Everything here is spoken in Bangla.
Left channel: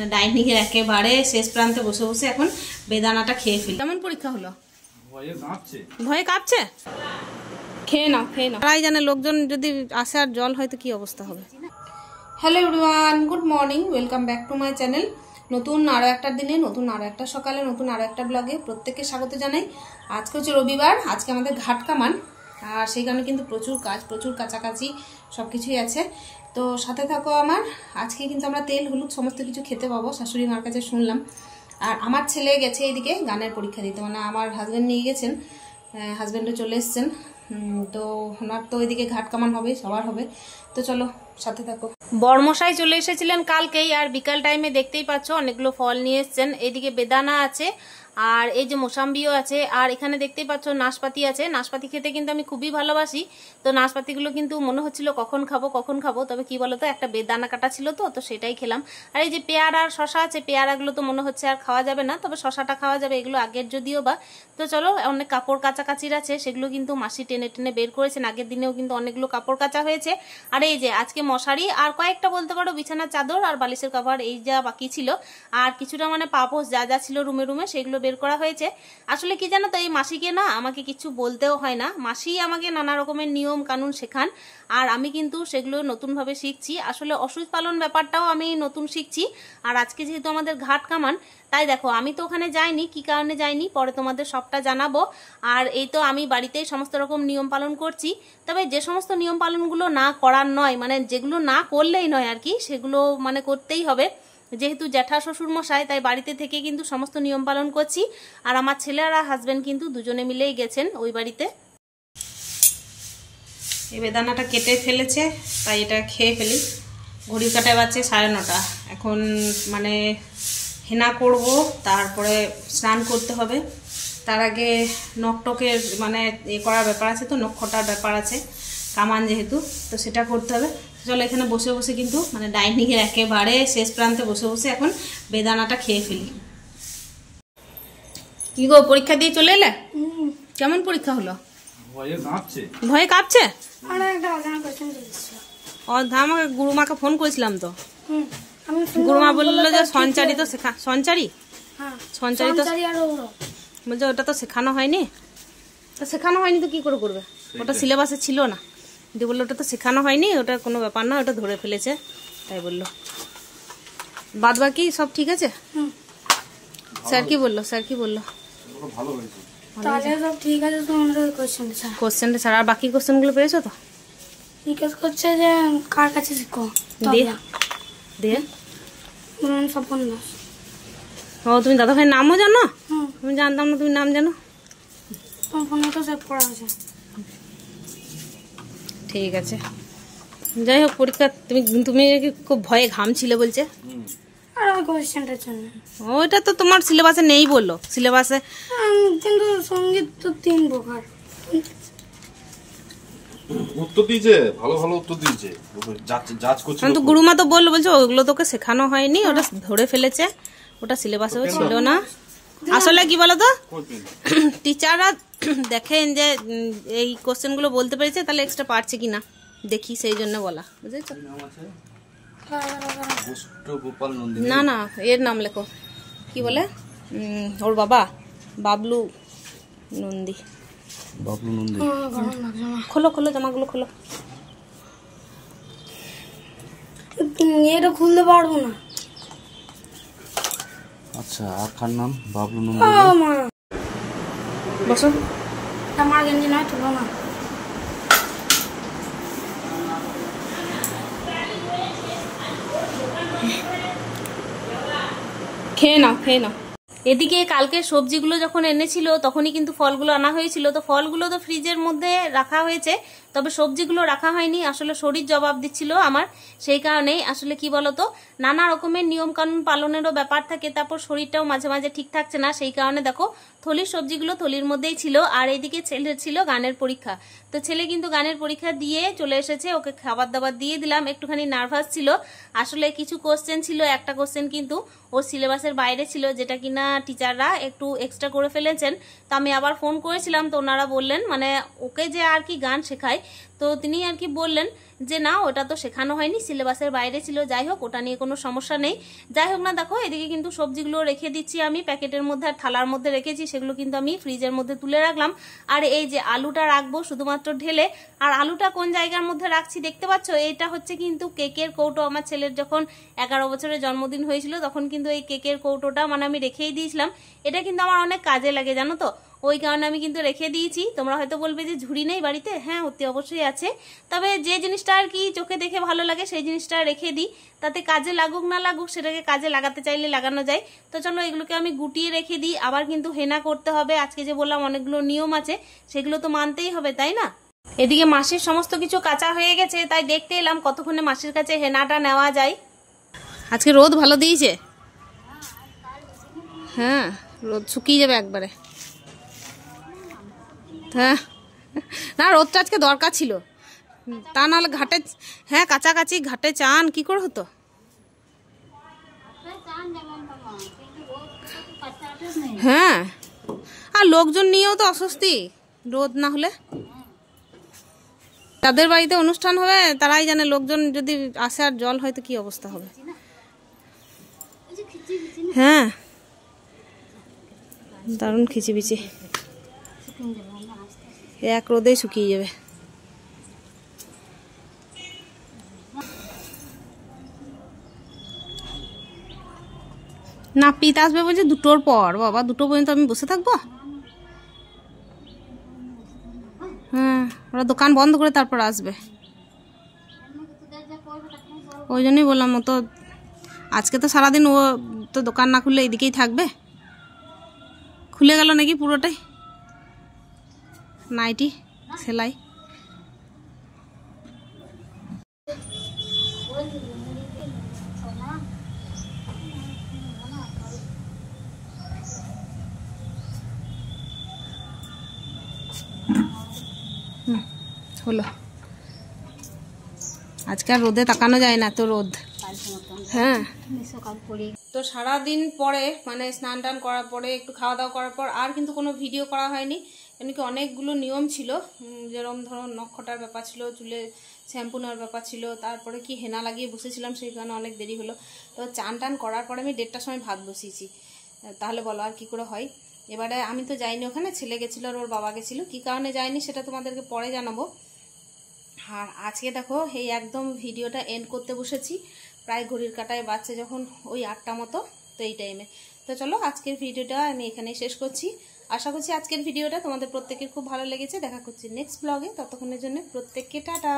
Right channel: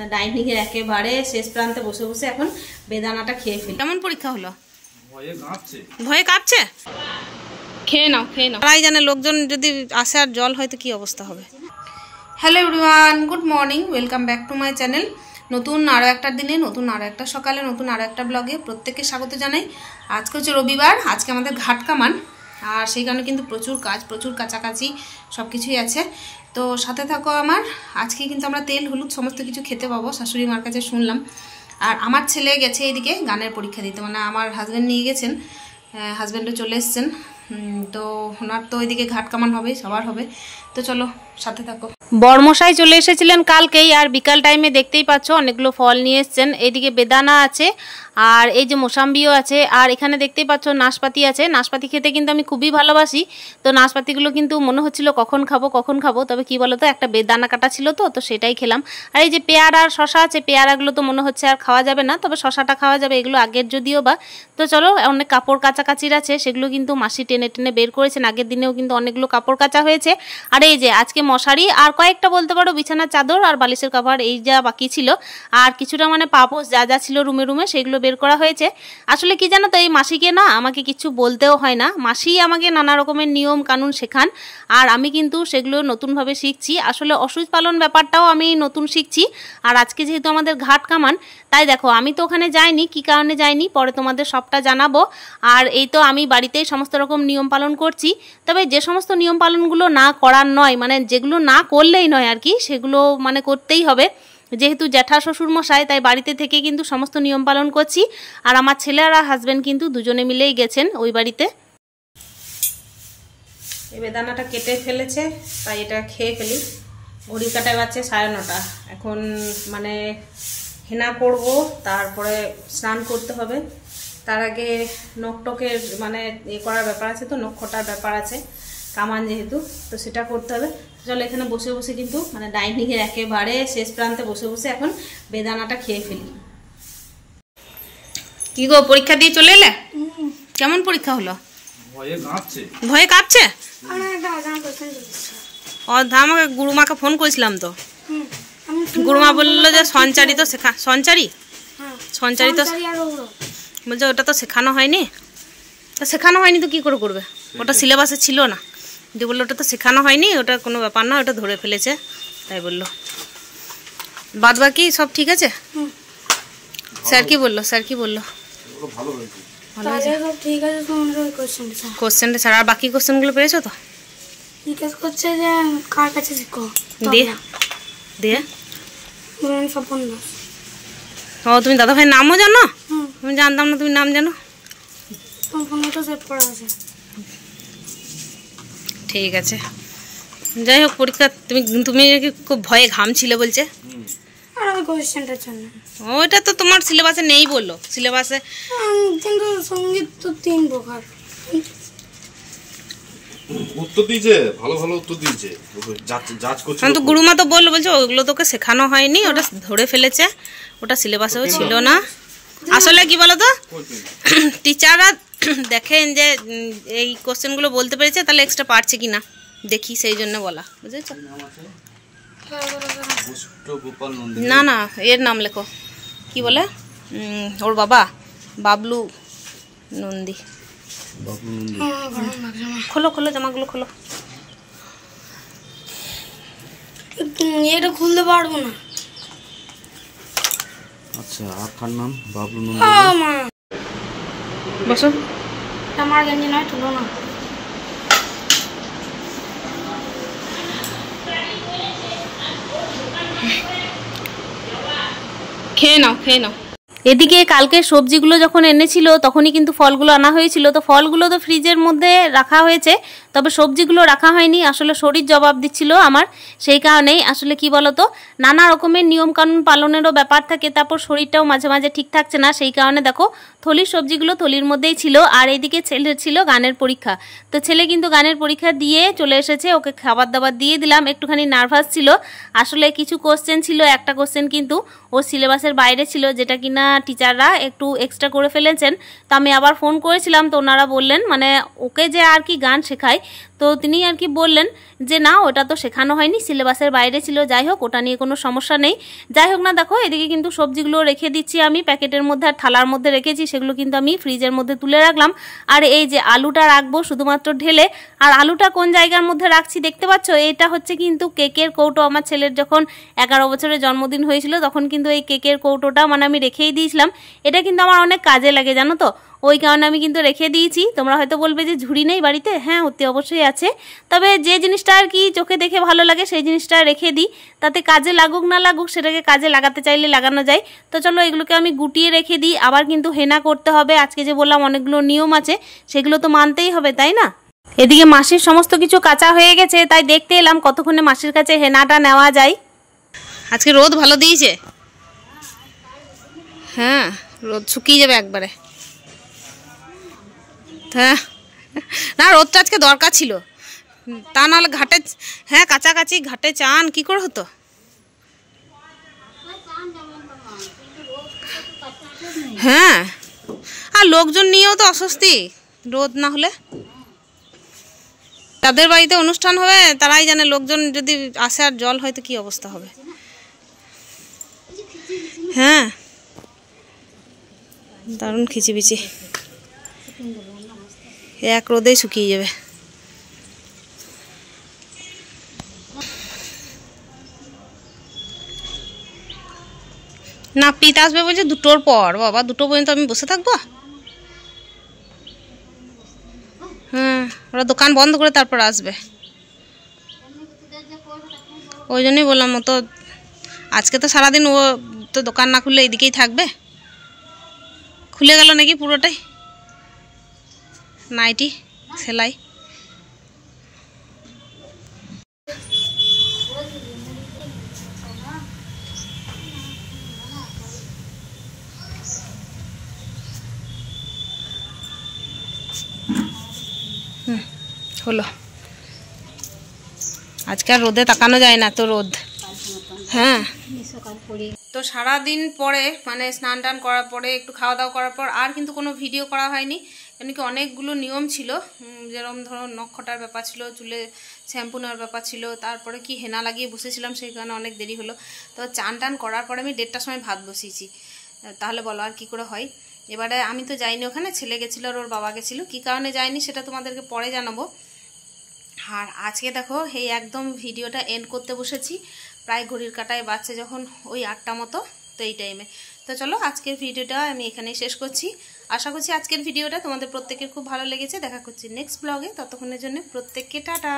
মানে ডাইনিং এর একেবারে শেষ প্রান্তে বসে বসে এখন বেদানাটা খেয়ে ফেলি। কেমন পরীক্ষা হলো? ভয়ে কাঁপছে? খেয়ে নাও খেয়ে নাও, তাই জানে লোকজন যদি আসে আর জল হয়তো কি অবস্থা হবে। Hello everyone, good morning, welcome back to my channel. নতুন আরও একটা দিনে, নতুন আরও একটা সকালে, নতুন আরও একটা ব্লগে প্রত্যেককে স্বাগত জানাই। আজকে হচ্ছে রবিবার, আজকে আমাদের ঘাট কামান, আর সেই কারণে কিন্তু প্রচুর কাজ, প্রচুর কাছাকাছি সব কিছুই আছে। তো সাথে থাকো আমার। আজকে কিন্তু আমরা তেল হলুদ সমস্ত কিছু খেতে পাবো, শাশুড়ি মার কাছে শুনলাম। আর আমার ছেলে গেছে এইদিকে গানের পরীক্ষা দিতে, মানে আমার হাজব্যান্ড নিয়ে গেছেন, হাজব্যান্ডও চলে এসছেন। তো ওনার তো ওইদিকে ঘাট কামান হবে, সবার হবে। তো চলো সাথে থাকো। বড়মশাই চলে এসেছিলেন কালকেই, আর বিকাল টাইমে দেখতেই পাচ্ছ অনেকগুলো ফল নিয়ে এসছেন। এইদিকে বেদানা আছে, আর এই যে মোসাম্বিও আছে, আর এখানে দেখতেই পাচ্ছ নাশপাতি আছে। নাশপাতি খেতে কিন্তু আমি খুবই ভালোবাসি। তো নাশপাতিগুলো কিন্তু মনে হচ্ছিল কখন খাবো, তবে কি বলতো একটা বেদানা কাটা ছিল তো সেটাই খেলাম। আর এই যে পেয়ারা আর শশা আছে, পেয়ারাগুলো তো মনে হচ্ছে আর খাওয়া যাবে না, তবে শশাটা খাওয়া যাবে, এগুলো আগের যদিও বা। তো চলো, অনেক কাপড় কাচাকাচির আছে, সেগুলো কিন্তু মাসি টেনে টেনে বের করেছেন। আগের দিনেও কিন্তু অনেকগুলো কাপড় কাচা হয়েছে। আর এই যে আজকে মশারি আর কয়েকটা বলতে পারো বিছানার চাদর আর বালিশের কভার, এই যা বাকি ছিল, আর কিছুটা মানে পাপোশ যা যা ছিল রুমে সেগুলো বের করা হয়েছে। আসলে কি জানো তো, এই মাসিকে না আমাকে কিছু বলতেও হয় না, মাসি আমাকে নানা রকমের নিয়ম কানুন শেখান, আর আমি কিন্তু সেগুলো নতুনভাবে শিখছি। আসলে অসুচ পালন ব্যাপারটাও আমি নতুন শিখছি। আর আজকে যেহেতু আমাদের ঘাট কামান, তাই দেখো আমি তো ওখানে যাইনি, কি কারণে যাইনি পরে তোমাদের সবটা জানাবো। আর এই তো আমি বাড়িতেই সমস্ত রকম নিয়ম পালন করছি। তবে যে সমস্ত নিয়ম পালনগুলো না করার নয়, মানে যেগুলো না করলেই নয় আর কি, সেগুলো মানে করতেই হবে। যেহেতু জ্যাঠা শ্বশুর মশাই, তাই বাড়িতে থেকে কিন্তু সমস্ত নিয়ম পালন করছি। আর আমার ছেলে আর হাজব্যান্ড কিন্তু দুজনে মিলেই গেছেন ওই বাড়িতে। এই বেদানাটা কেটে ফেলেছে, তাই এটা খেয়ে ফেলি। ঘড়ির কাটায় বাজছে 9:30। এখন মানে হেনা করব, তারপরে স্নান করতে হবে। তার আগে নখটকের মানে করার ব্যাপার আছে, তো নখ খটার ব্যাপার আছে, কামান যেহেতু, তো সেটা করতে হবে। চলো এখানে বসে বসে কিন্তু মানে ডাইনিং এর একেবারে শেষ প্রান্তে বসে বসে এখন বেদানাটা খেয়ে ফেলি। কি গো, পরীক্ষা দিয়ে চলে এলে? কেমন পরীক্ষা হলো? ভয়ে কাঁপছে? আমাকে গুরুমাকে ফোন করেছিলাম, তো গুরুমা বললো যে সঞ্চারী তো সঞ্চারী তো বলছে ওটা তো শেখানো হয়নি। তো শেখানো হয়নি তো কি করে করবে, ওটা সিলেবাসে ছিল না। যে বললো ওটা তো শেখানো হয়নি, ওটা কোনো ব্যাপার না, ওটা ধরে ফেলেছে, তাই বললো। বাদ বাকি সব ঠিক আছে? স্যার কি বললো? ভালো হয়েছে। কোশ্চেনটা ছাড়া আর বাকি কোশ্চেনগুলো পেয়েছো তো? জিজ্ঞেস করছে যে কার কাছে শিখো, দিয়ে ও তুমি দাদা ভাইয়ের নামও জানো? আমি জানতাম না তুমি নাম জানো। ঠিক আছে, যাই হোক পরীক্ষা তুমি খুব ভয়ে ঘামছিলে বলছে। ওইটা তো তোমার সিলেবাসে নেই বললো, সিলেবাসে কিন্তু সঙ্গীত তো 3 প্রকার উত্তর দিয়েছে, ভালো ভালো উত্তর দিয়েছে, জাজ করছে। তো গুরুমা তো বললো, বলছে ওগুলো তোকে শেখানো হয়নি, ওটা ধরে ফেলেছে, ওটা সিলেবাসেও ছিল না। আসলে কি বলতো, টিচাররা দেখেন যে এই কোশ্চেনগুলো বলতে পেরেছে, তাহলে এক্সট্রা পারছে কিনা দেখি, সেই জন্য বলা, বুঝেছো? না না, এর নাম লেখো, কি বলে ওর বাবা, বাবলু নন্দী। খোলো জামাগুলো খোলো। এটা খুলতে পারবো না। আচ্ছা, আর কার নাম? বাবলু নন্দী। বসো। আমার গেঞ্জি নয়, তুলো না। খেয়ে নাও। এদিকে কালকে সবজিগুলো যখন এনেছিল তখনই কিন্তু ফলগুলো আনা হয়েছিল। তো ফলগুলো তো ফ্রিজের মধ্যে রাখা হয়েছে, তবে সবজিগুলো রাখা হয়নি। আসলে শরীর জবাব দিচ্ছিল আমার, সেই কারণেই আসলে কি বলতো, নানা রকমের নিয়মকানুন পালনেরও ব্যাপার থাকে, তারপর শরীরটাও মাঝে মাঝে ঠিক থাকছে না, সেই কারণে দেখো থলির সবজিগুলো থলির মধ্যেই ছিল। আর এইদিকে ছেলের ছিল গানের পরীক্ষা, তো ছেলে কিন্তু গানের পরীক্ষা দিয়ে চলে এসেছে, ওকে খাবার দাবার দিয়ে দিলাম। একটুখানি নার্ভাস ছিল, আসলে কিছু কোশ্চেন ছিল, একটা কোশ্চেন কিন্তু ওর সিলেবাসের বাইরে ছিল, যেটা কিনা টিচাররা একটু এক্সট্রা করে ফেলেছেন। তো আমি আবার ফোন করেছিলাম, তো ওনারা বললেন মানে ওকে যে আর কি গান শেখায়, তো তিনি আর কি বললেন যে না ওটা তো শেখানো হয়নি, সিলেবাসের বাইরে ছিল, যাই হোক ওটা নিয়ে কোনো সমস্যা নেই। যাই হোক না, দেখো এদিকে কিন্তু সবজিগুলো রেখে দিচ্ছি আমি প্যাকেটের মধ্যে, আর থালার মধ্যে রেখেছি, সেগুলো কিন্তু আমি ফ্রিজের মধ্যে তুলে রাখলাম। আর এই যে আলুটা রাখবো শুধুমাত্র ঢেলে, আর আলুটা কোন জায়গার মধ্যে রাখছি দেখতে পাচ্ছ, এটা হচ্ছে কিন্তু কেকের কৌটো। আমার ছেলের যখন 11 বছরের জন্মদিন হয়েছিল তখন কিন্তু এই কেকের কৌটোটা মানে আমি রেখেই দিয়েছিলাম। এটা কিন্তু আমার অনেক কাজে লাগে জানো তো, ওই কারণে আমি কিন্তু রেখে দিয়েছি। তোমরা হয়তো বলবে যে ঝুড়ি নেই বাড়িতে, হ্যাঁ অতি অবশ্যই আছে, তবে যে জিনিসটা আর কি চোখে দেখে ভালো লাগে সেই জিনিসটা রেখে দিই, তাতে কাজে লাগুক না লাগুক সেটাকে কাজে লাগাতে চাইলে লাগানো যায়। তো চলো এগুলোকে আমি গুটিয়ে রেখে দিই, আবার কিন্তু হেনা করতে হবে। আজকে যে বললাম অনেকগুলো নিয়ম আছে, সেগুলো তো মানতেই হবে, তাই না? এদিকে মাসির সমস্ত কিছু কাঁচা হয়ে গেছে, তাই দেখতে এলাম কতক্ষণে মাসির কাছে হেনাটা নেওয়া যায়। আজকে রোদ ভালো দিয়েছে, হ্যাঁ রোদ শুকিয়ে যাবে একবারে। হ্যাঁ না, রোদটা আজকে দরকার ছিল, তা নাহলে ঘাটে, হ্যাঁ কাছাকাছি ঘাটে চান কি করে হতো। হ্যাঁ আর লোকজন নিয়েও তো অস্বস্তি রোদ না হলে। তাদের বাড়িতে অনুষ্ঠান হবে তারাই জানে, লোকজন যদি আসে আর জল হয় তো কি অবস্থা হবে। হ্যাঁ দারুণ খিচিবিচি, এক রোদেই শুকিয়ে যাবে। না পিত আসবে বলছে 2টোর পর, বাবা 2টো পর্যন্ত আমি বসে থাকবো? হ্যাঁ ওরা দোকান বন্ধ করে তারপর আসবে, ওই জন্যই বললাম। ও তো আজকে তো সারাদিন ও তো দোকান না খুললে এইদিকেই থাকবে। খুলে গেল নাকি পুরোটাই, নাইটি সেলাই। হলো, আজকে আর রোদে তাকানো যায় না, তো রোদ। হ্যাঁ তো সারাদিন পরে মানে স্নান টান করার পরে একটু খাওয়া দাওয়া করার পর আর কিন্তু কোনো ভিডিও করা হয়নি, কেন কি অনেকগুলো নিয়ম ছিল, যেরকম ধরো নখটার ব্যাপার ছিল, চুলে শ্যাম্পু নেওয়ার ব্যাপার ছিল, তারপরে কি হেনা লাগিয়ে বসেছিলাম, সেই কারণে অনেক দেরি হলো। তো চান টান করার পরে আমি 1:30টার সময় ভাত বসিয়েছি, তাহলে বলো আর কি করে হয়। এবারে আমি তো যাইনি ওখানে, ছেলে গেছিলো আর ওর বাবা গেছিলো, কী কারণে যায়নি সেটা তোমাদেরকে পরে জানাবো। আর আজকে দেখো এই একদম ভিডিওটা এন্ড করতে বসেছি, প্রায় ঘড়ির কাঁটায় বাজছে যখন ওই 8টা মতো, তো এই টাইমে। তো চলো আজকের ভিডিওটা আমি এখানেই শেষ করছি। আশা করছি আজকের ভিডিওটা তোমাদের প্রত্যেকের খুব ভালো লেগেছে। দেখা করছি নেক্সট ব্লগে, ততক্ষণের জন্য প্রত্যেককে টাটা।